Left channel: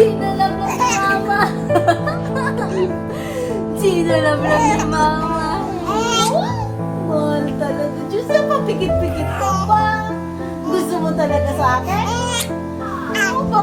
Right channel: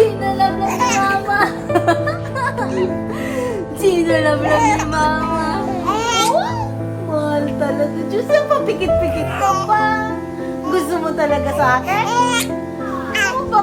Sinalab lang ni Mama. Sinalab lang ni Mama. Mahal talaga. Diyos, yan pa, pikit-pikit ka pa. Gusto mo talaga sa akin? Ano ba?